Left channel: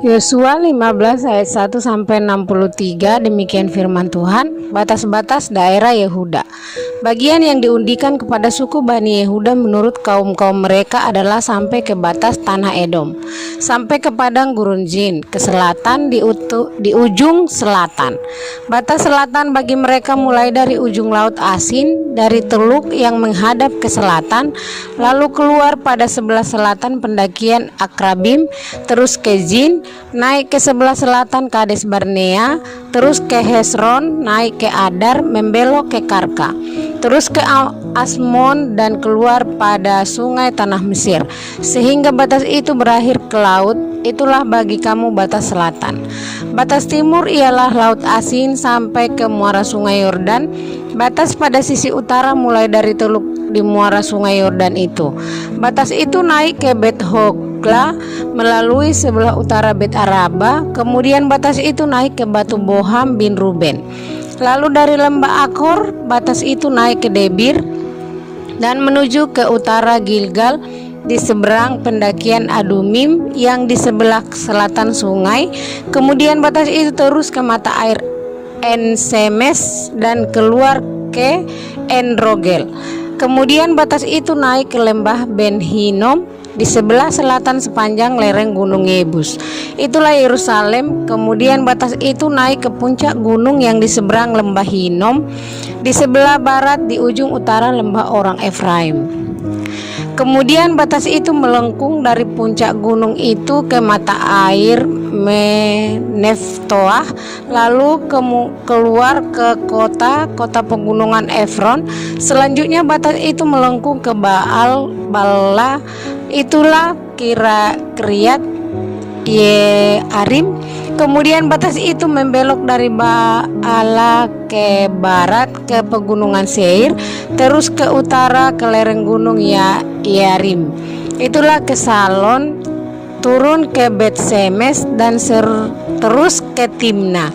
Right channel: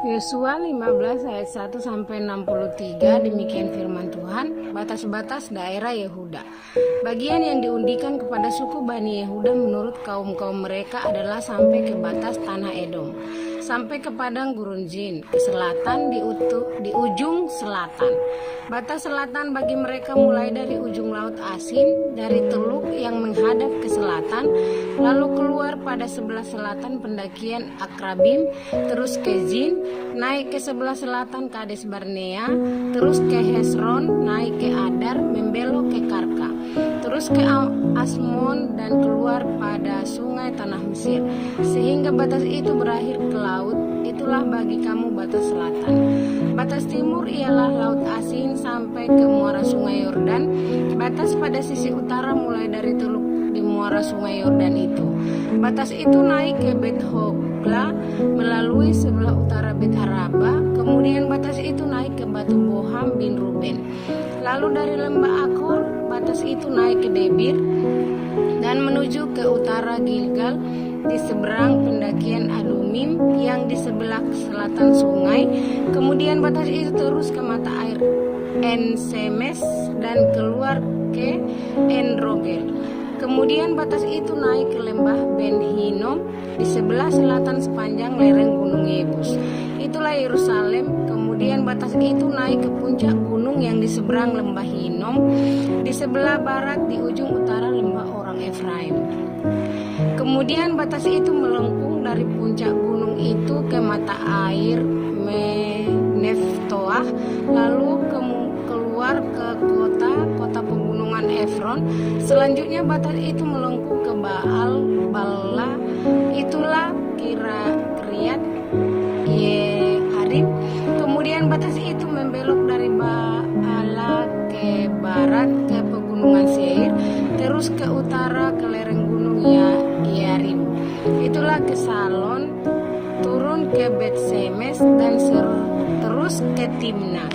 Yosua 15 ayat 1 sampai 63, demikian firman Tuhan. Batas-batas daerah Yehuda. Bagian yang diundikan kepada suku Bani Yehuda menurut kaum-kaum mereka adalah sampai ke batas tanah Edom, sampai ke padang gurun Zin, ke selatan di ujung selatan. Batas selatan bagi mereka mulai dari ujung laut Asin, dari teluk yang menghadap ke selatan, lalu keluar pada sebelah selatan pendakian Akrabim, terus ke Zin, naik ke sebelah selatan Kades Barnea, terus ke Hesron, naik ke Adar, membelok ke Karka, terus ke Asmon dan keluar pada sungai tanah Mesir, sehingga batas itu berakhir ke laut. Itulah bagi kamu batas selatan. Batas timur ialah laut Asin sampai ke muara sungai Yordan. Batas pada sisi utara mulai dari teluk di muara sungai Yordan itu. Batas itu naik ke Bet Hogla melalui sebelah utara Bet Araba. Kemudian batas itu naik ke Batu Boham bin Ruben. Lalu dari lembah Akor, batas itu naik ke Debir dan menuju ke utara Gilgal di seberang pendakian Adumim yang di sebelah selatan sungai. Kemudian batas itu terus ke mata air En-Semes dan keluar ke En-Rogel. Kemudian batas itu naik ke lembah Ben Hinnom di sebelah selatan sepanjang lereng gunung Yebus. Itulah Yerusalem. Kemudian batas itu naik ke puncak gunung yang di seberang lembah Hinnom, di sebelah barat di ujung utara lembah orang Efraim. Kemudian batas itu melengkung dari puncak gunung itu ke mata air Neftoah, lalu keluar ke kota pegunungan Efron. Selanjutnya batas itu melengkung ke Baal Bala, itulah Kiryat Yearim. Kemudian batas itu membelok dari Baala ke barat ke pegunungan Seir, terus ke utara ke lereng gunung Yearim. Itulah ke Salon, turun ke Bet Semes dan terus ke Timna.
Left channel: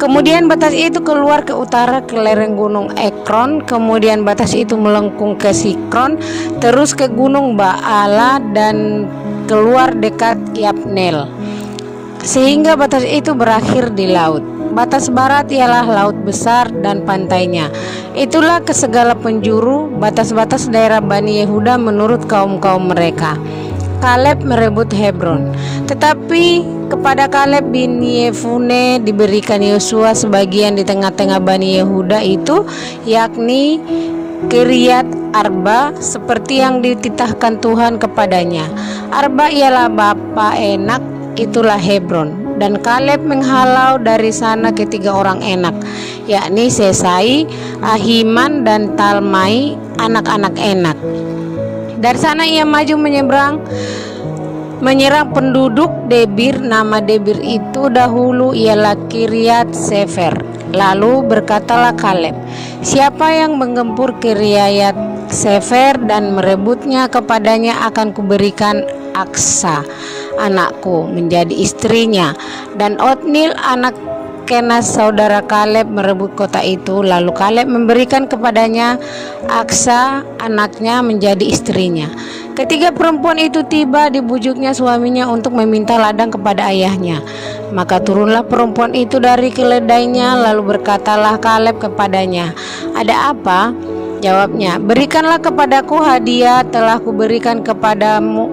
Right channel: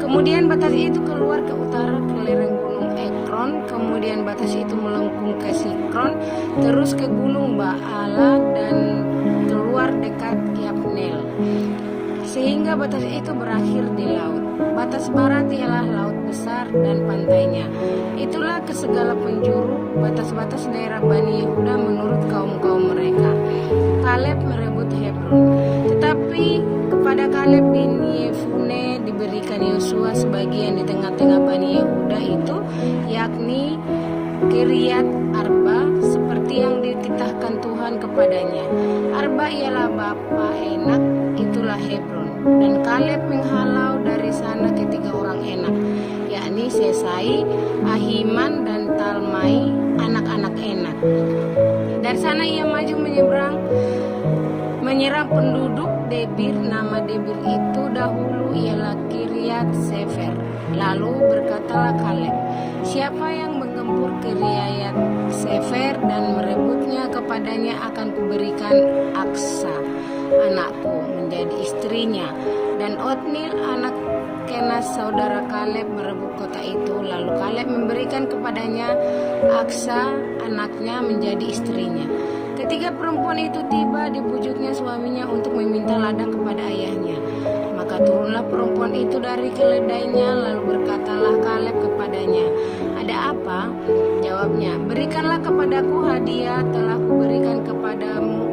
Kemudian batas itu keluar ke utara ke lereng gunung Ekron. Kemudian batas itu melengkung ke Sikron, terus ke gunung Baala dan keluar dekat Yapnel, sehingga batas itu berakhir di laut. Batas barat ialah laut besar dan pantainya. Itulah ke segala penjuru batas-batas daerah Bani Yehuda menurut kaum-kaum mereka. Kaleb merebut Hebron. Tetapi kepada Kaleb bin Yefune diberikan Yosua sebagian di tengah-tengah Bani Yehuda itu, yakni Kiryat Arba, seperti yang dititahkan Tuhan kepadanya. Arba ialah bapa Enak, itulah Hebron. Dan Kaleb menghalau dari sana ketiga orang Enak, yakni Sesai, Ahiman dan Talmai, anak-anak Enak. Dari sana ia maju menyerang penduduk Debir. Nama Debir itu dahulu ialah Kiryat Sefer. Lalu berkatalah Kaleb, siapa yang menggempur Kiryat Sefer dan merebutnya kepadanya, akan kuberikan Aksa anakku menjadi istrinya. Dan Otnil anak Kenas saudara Kaleb merebut kota itu. Lalu Kaleb memberikan kepadanya Aksa anaknya menjadi istrinya. Ketika perempuan itu tiba, dibujuknya suaminya untuk meminta ladang kepada ayahnya. Maka turunlah perempuan itu dari keledainya. Lalu berkatalah Kaleb kepadanya, ada apa? Jawabnya, berikanlah kepadaku hadiah, telah kuberikan kepadamu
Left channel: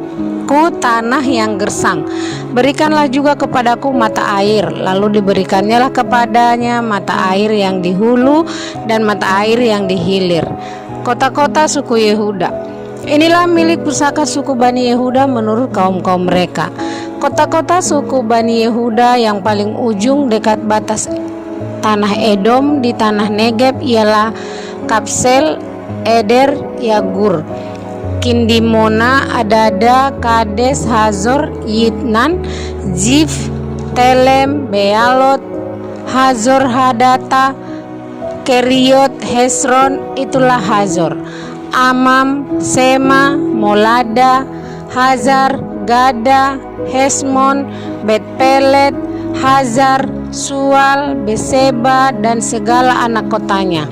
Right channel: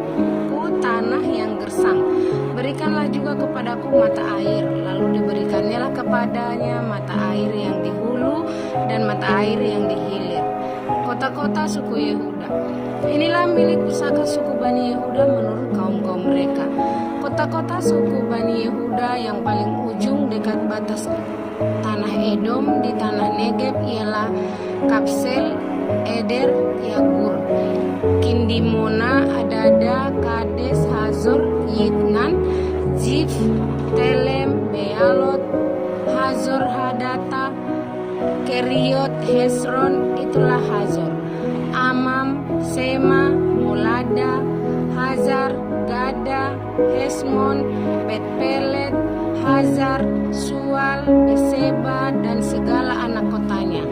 tanah yang gersang. Berikanlah juga kepadaku mata air. Lalu diberikannya lah kepadanya mata air yang di hulu dan mata air yang di hilir. Kota-kota suku Yehuda. Inilah milik pusaka suku Bani Yehuda menurut kaum-kaum mereka. Kota-kota suku Bani Yehuda yang paling ujung dekat batas tanah Edom di tanah Negeb ialah Kapsel, Eder, Yagur, Kindimona, Adada, Kades, Hazor, Yitnan, Zif, Telem, Bealot, Hazor Hadata, Keriot, Hesron, itulah Hazor, Amam, Sema, Molada, Hazar, Gada, Hesmon, Bet-Pelet, Hazar, Sual, Beseba dan segala anak kotanya,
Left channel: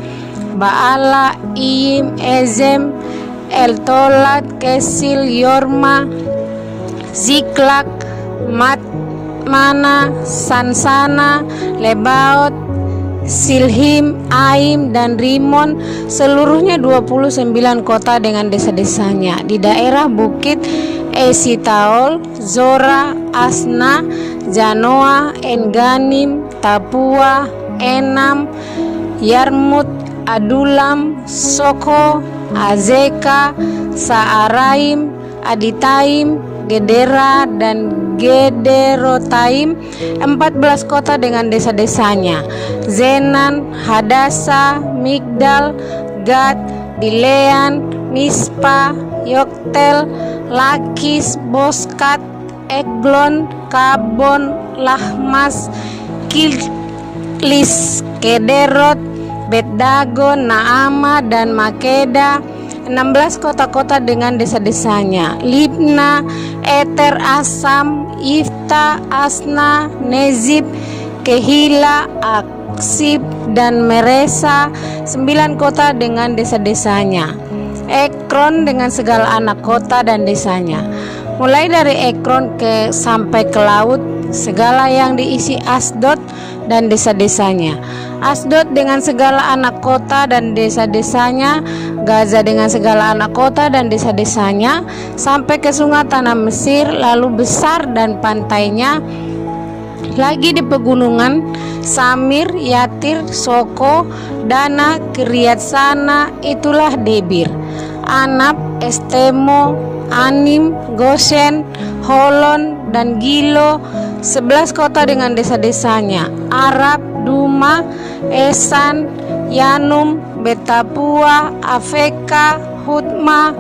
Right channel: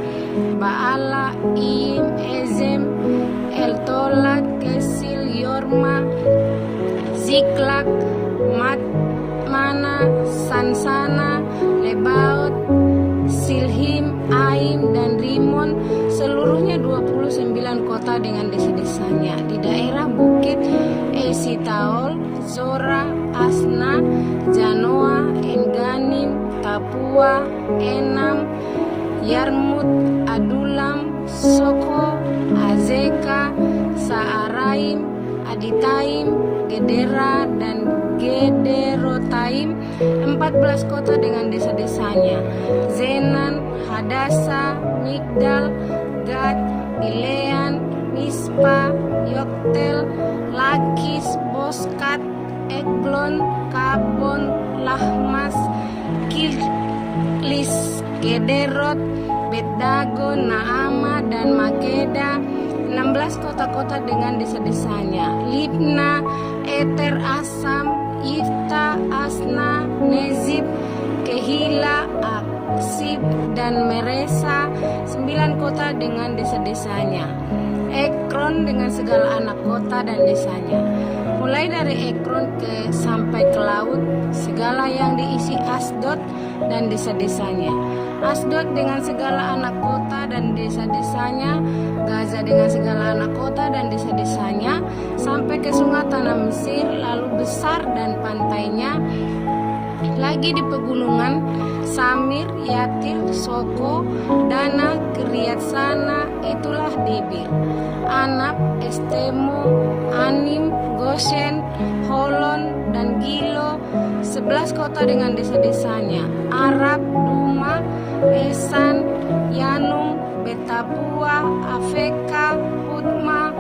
Baala, Im, Ezem, Eltolat, Kesil, Yorma, Ziklak, Madmana, Sansana, Lebaot, Silhim, Aim, dan Rimon, seluruhnya 29 kota dengan desa-desanya. Di daerah Bukit Esitaol, Zora, Asna, Janoa, Enganim, Tapua, Enam, Yarmut, Adulam, Soko, Azeka, Saaraim, Aditaim, Gedera, dan Gederotaim, 14 kota dengan desa-desanya. Zenan, Hadasa, Migdal, Gad, Dilean, Mispa, Yoktel, Lakis, Boskat, Eglon, Kabon, Lahmas, Kilis, Kederot, Bet-Dagon, Naama, dan Makeda, 16 kota-kota dengan desa-desanya. Libna, Eter, Asam, Ifta, Asna, Nezib, Kehila, Aksib, dan Meresa, 9 kota dengan desa-desanya. Ekron dengan segala anak kota dan desanya. Mulai dari Ekron sampai ke laut, segala yang diisi Asdod dan desa-desanya. Asdod dengan segala anak kota dan desa-desanya, Gaza dengan segala anak kota dan desa-desanya, sampai ke sungai tanah Mesir, lalu besar dan pantainya. Lagi di pegunungan, Samir, Yatir, Soko, Dana, Kiryat Sana, itulah Debir, Anab, Estemo, Anim, Goshen, Holon, dan Gilo, 11 kota dengan desa-desanya. Arab, Duma, Esan, Yanum, Betapua, Afeka, Hutma,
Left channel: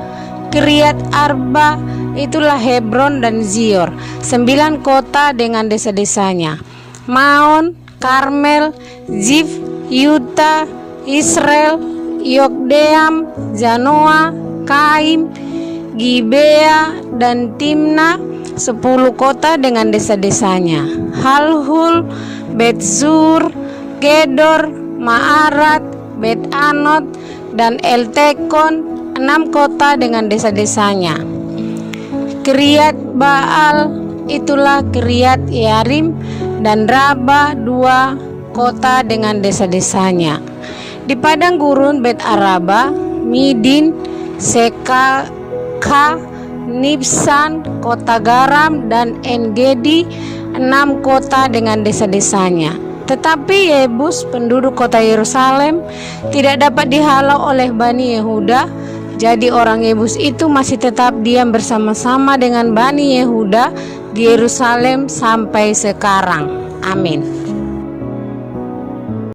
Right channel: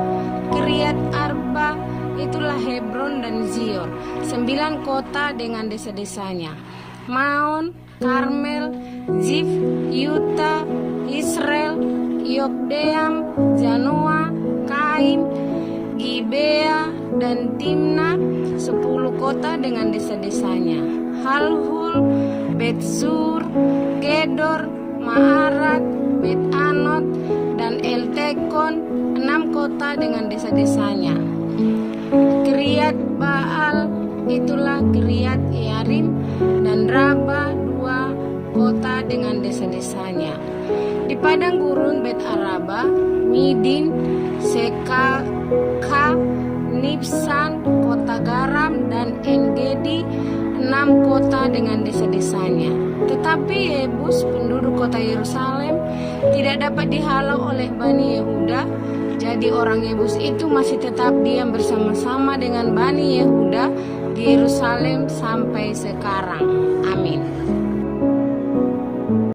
Kiryat Arba, itulah Hebron dan Zior, 9 kota dengan desa-desanya. Maon, Karmel, Zif, Yuta, Israel, Yokdeam, Janoa, Kaim, Gibea, dan Timna, 10 kota dengan desa-desanya. Halhul, Bet-Zur, Kedor, Maarat, Bet-Anot, dan Eltekon, 6 kota dengan desa-desanya. Kiryat Baal, itulah Kiryat Yarim, dan Raba, 2 kota dengan desa-desanya. Di padang gurun Bet Araba, Midin, Sekaka, Nibsan, kota garam, dan Engedi, 6 kota dengan desa-desanya. Tetapi Yebus, penduduk kota Yerusalem, tidak dapat dihalau oleh Bani Yehuda. Jadi orang Yebus itu masih tetap diam bersama-sama dengan Bani Yehuda di Yerusalem sampai sekarang. Amin.